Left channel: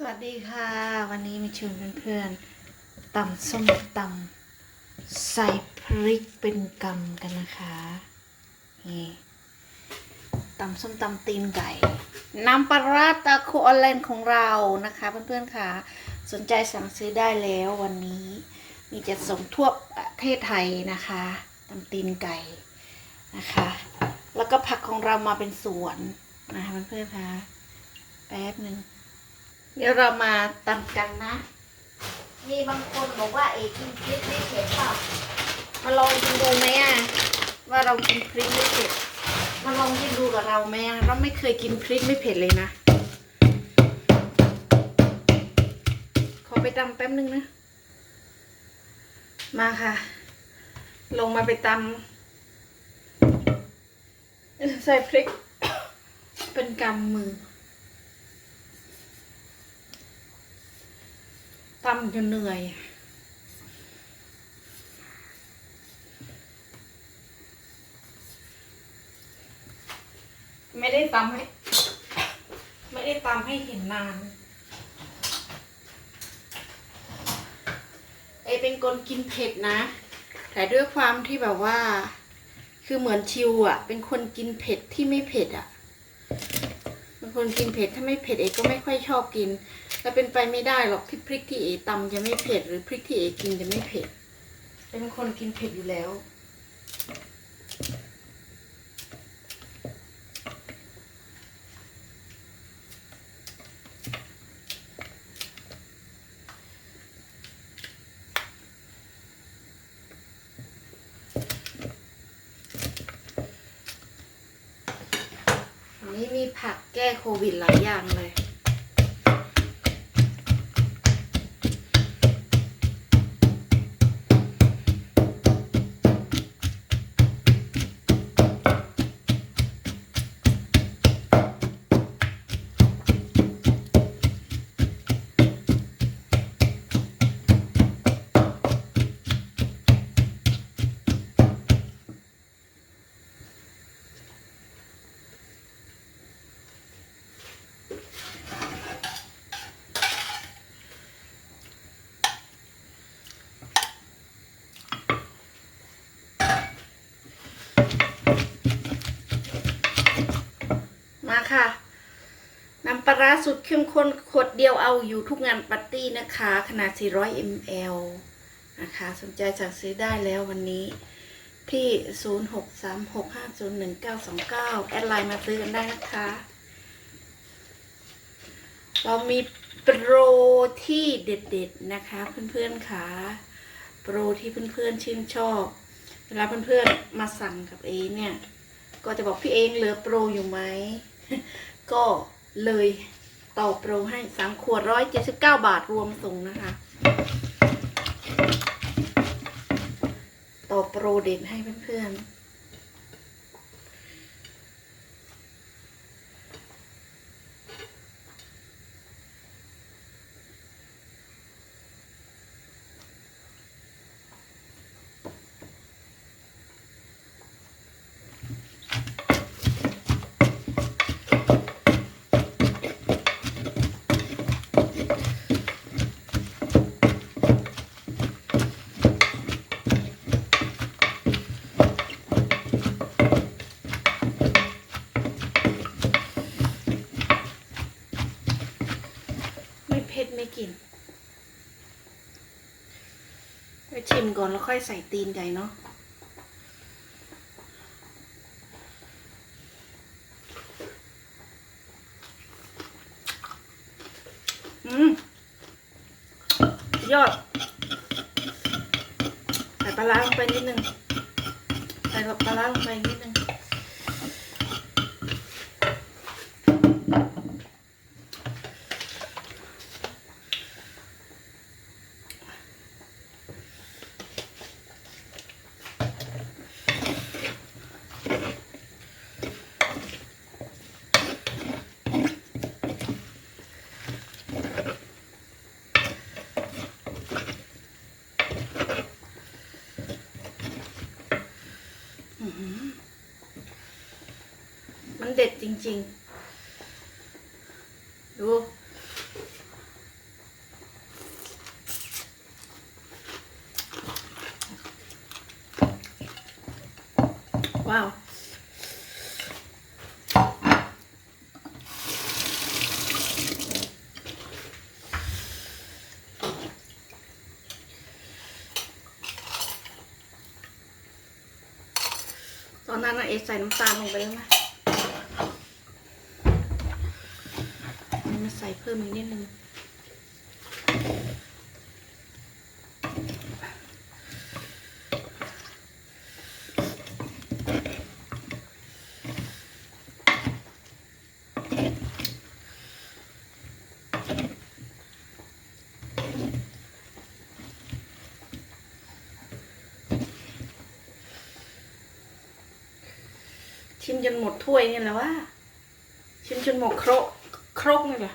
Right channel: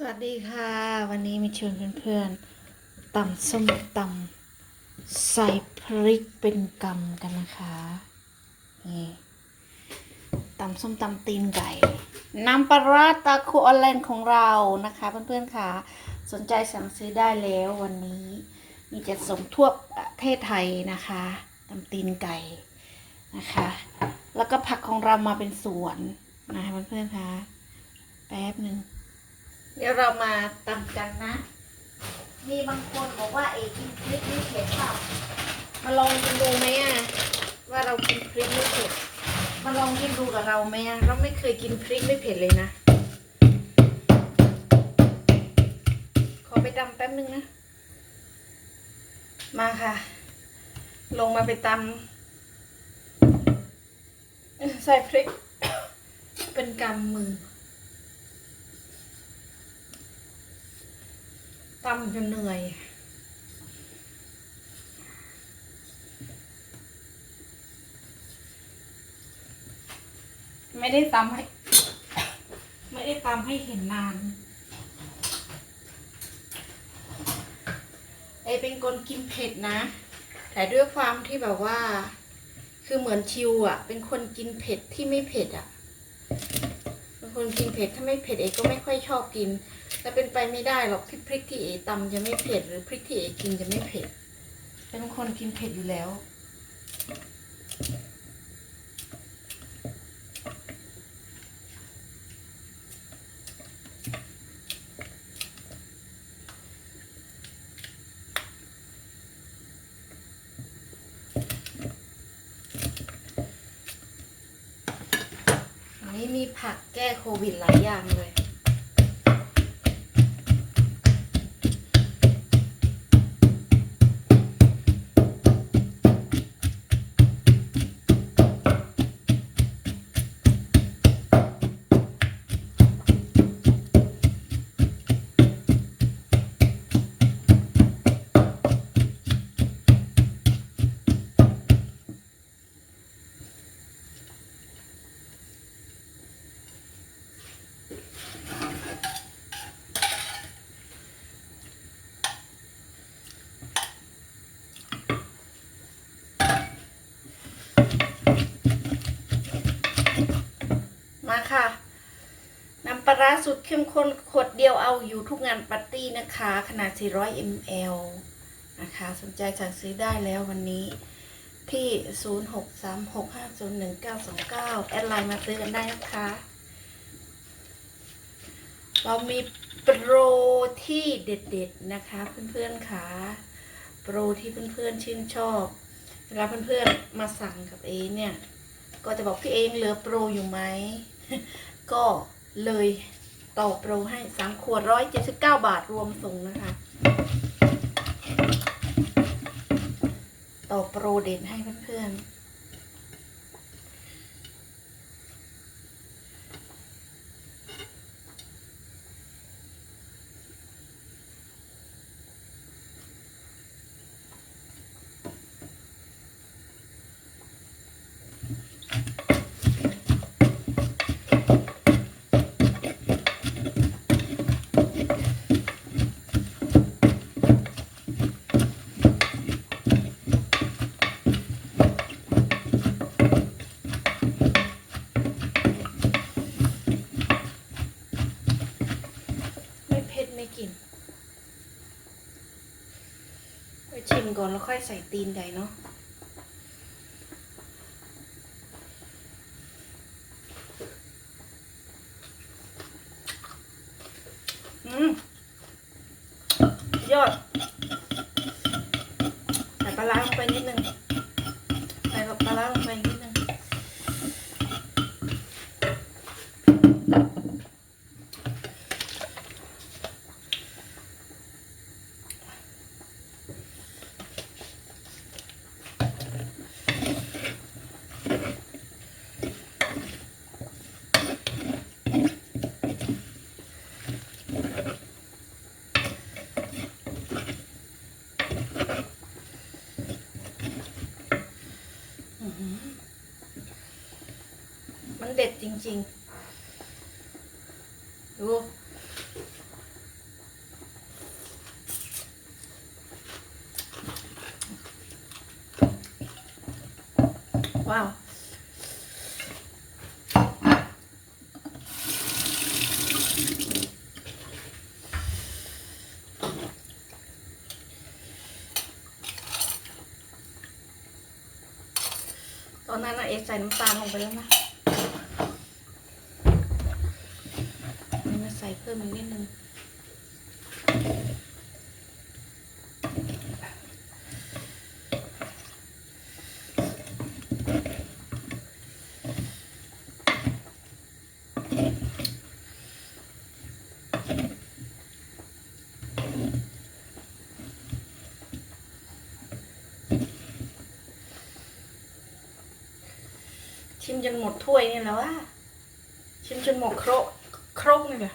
สวัสดีค่ะ วันนี้มีชวนเพื่อนๆตำส้มตำใส่พริกเป็นกำกันนะคะนี่ตำส้มตำตีนไก่น้ำปลาร้าตาคูออนไลน์ของเรานะคะเพื่อนๆค่ะ สนใจสั่งซื้อได้แล้ววันนี้มีจะส่งทั่วประเทศไทยนะคะตำตีนไก่นะคะ แล้วก็ผักของเรามาเป็นสวนนะคะเพื่อนๆค่ะแป๊บหนึ่ง เดี๋ยวเรามาตำกันนะ มีบางคนบอกว่าเอกกินพริกไม่เผ็ดเปล่ามาลองกินดูไหมอะ ว่าเรากินพริกไม่เผ็ด มาลองกินดูกับเราไหมอะ เราไม่เคยกินพริกไม่เผ็ดเลยนะ ขอไปตำแป๊บนึงนะ มาค่ะ ลงมาไปตำใส่พริก เป็นกำมือ ตำจนเหนื่อยไม่ได้ตำให้ ไม่ได้ตำให้เห็นนาน ไอเป็นคนกินเผ็ดนะ แต่ด้วยความที่แบบว่า คือเหมือนชิวอะ่ะ เป็นคนกินเผ็ดที่ไม่เผ็ดอะ่ะเป็นคนกินเผ็ดถ้าไม่เผ็ดเอก็ไม่ค่อยชอบกิน แต่เป็นไปไม่ได้หรอกที่พริกที่เอตำจะไม่เผ็ดหรือพริกที่เอกินจะไม่เผ็ด เป็นคนกินเผ็ดอยู่แล้ว อันนี้มีผักแก้โควิดหลายอย่างเลย ค่ะน้ำปลาร้าสุดเข้มข้นขวดเดียวเอาอยู่ทุกงานปาร์ตี้นะคะ ขนาด 400 ml นะคะ สนใจสั่งซื้อได้แล้ววันนี้ที่ 0636501929 แอดไลน์มาซื้อกันได้นะคะ เรามีโปรที่เด็ดๆนะคะ เพื่อนๆค่ะ โปรที่เพื่อนๆชื่นชอบ เวลาเพื่อนๆมาสั่งกับเอเนี่ย ก็จะบอกพี่เองเหลือโปรอยู่ไหม ก็เลยต่อโปรให้สามขวดร้อยเจ็ดสิบเก้าบาทรวมส่งนะคะ ต่อโปรเด่นให้เพื่อนๆ ไม่เผ็ดไม่กินไปชิมก่ อนแล้วค่อยใส่ตีนใหญ่เนาะอืมยอดใส่ปลาล้าลงไปนิดนึง มันเด็ดจริง ๆ ดู ว้าวตอนนั้นเอใส่น้ำตาลลงไปแล้วนะ พิ่มอีกนิดนึงชิมจนหมดถ้วยนี่แล้วว่าชิมจนหมดครกครกนี่แหละ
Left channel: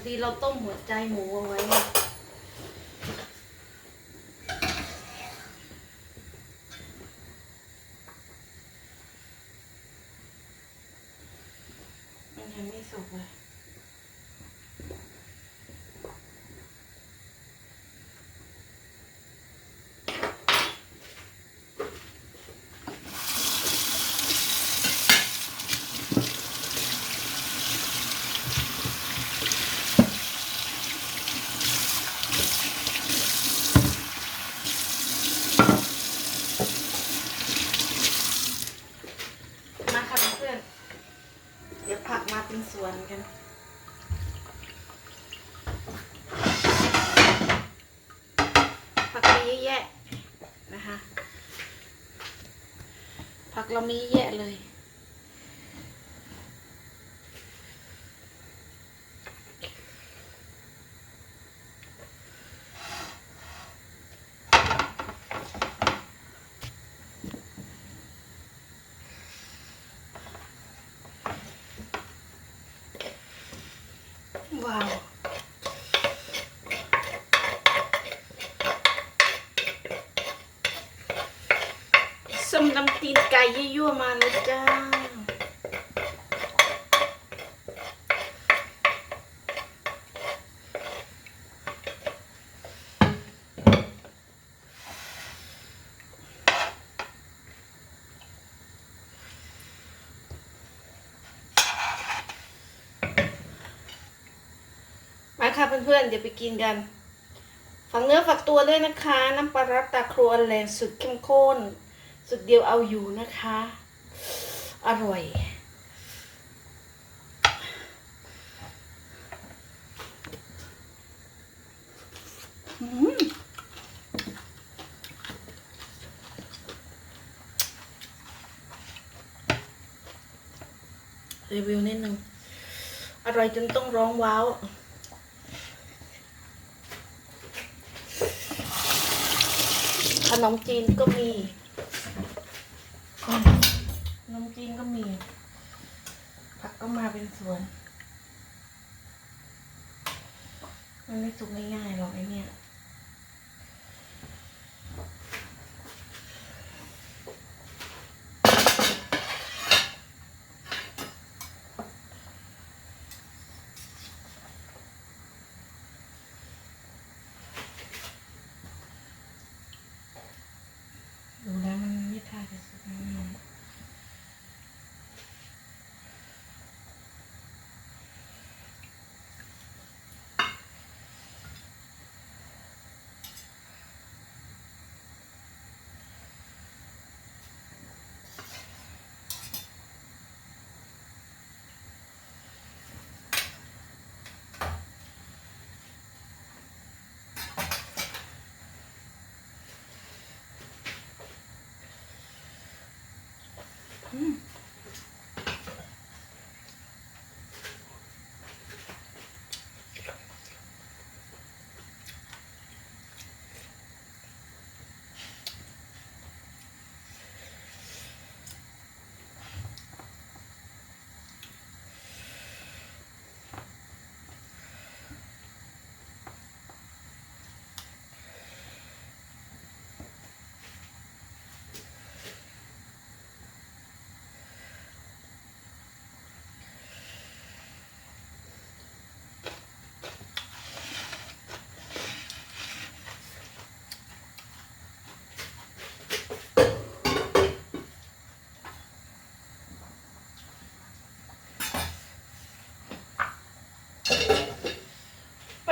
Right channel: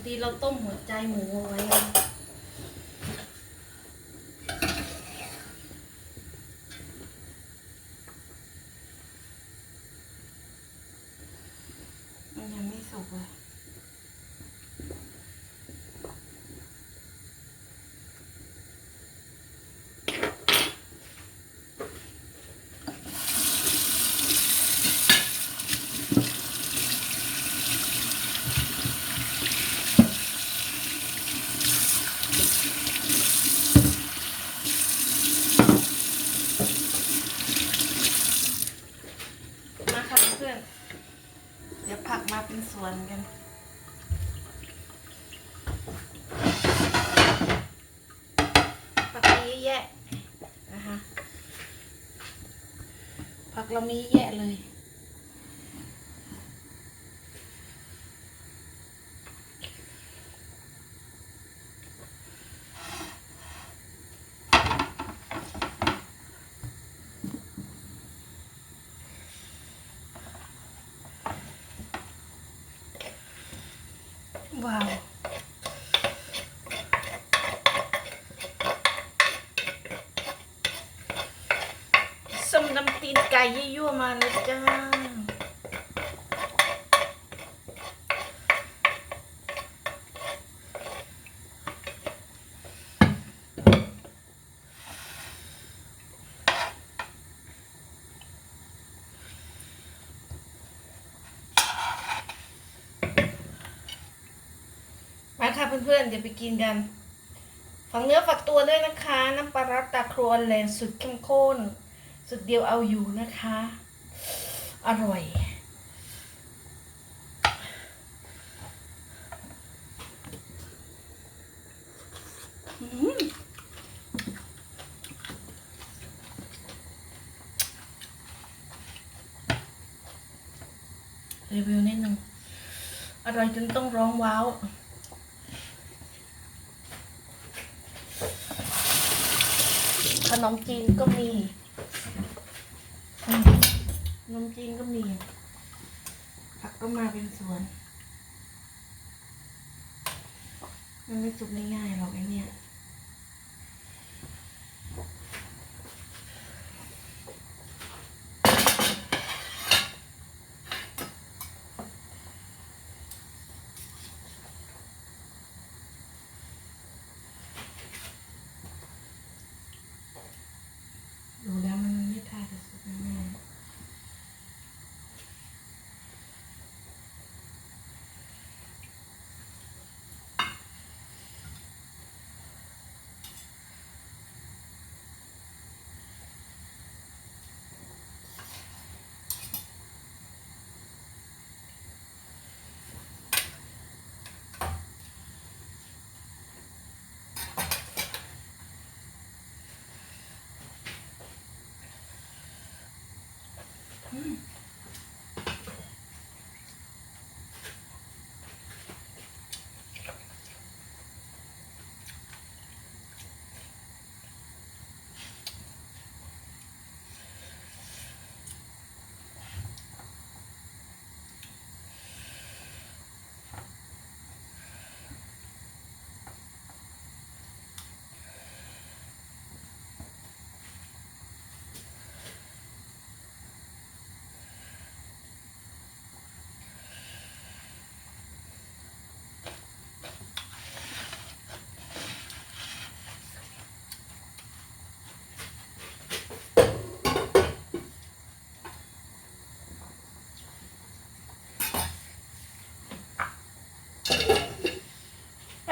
อดีเราต้มหัวใจหมูเอาไว้ มันยังไม่สุกเลย มาค่ะเพื่อนๆเดี๋ยวผักมาเป็นสวนกัน ผักมีเยอะแยะนะคะ ผักเรามีเยอะแยะเลยว้าว ส้มต ยี่ยั่วมาเลยจ้า มาค่ะเพื่อนๆ เดี๋ยวไปกินกัน ฝักเนื้อฝักตัวด้วยนะคะ น้ำปลาร้าตาครัวแลนสุดเข้มข้น สุดเดียวเอาอยู่นะคะ อร่อยรีวิวนิดนึง อร่อยจนต้องร้องว้าว ขนมจีนก็มี นมจีนก็มี ผักก็มาเป็นสวน มันไม่สุกง่ายๆหรอกไอเนี่ยดูแล้วมันไม่ท่าจะสุกง่าย ไ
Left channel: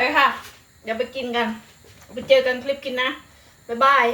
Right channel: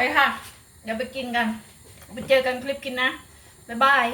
ปค่ะ เดี๋ยวไปกินกัน ไปเจอกันคลิปกินนะ บ๊ายบาย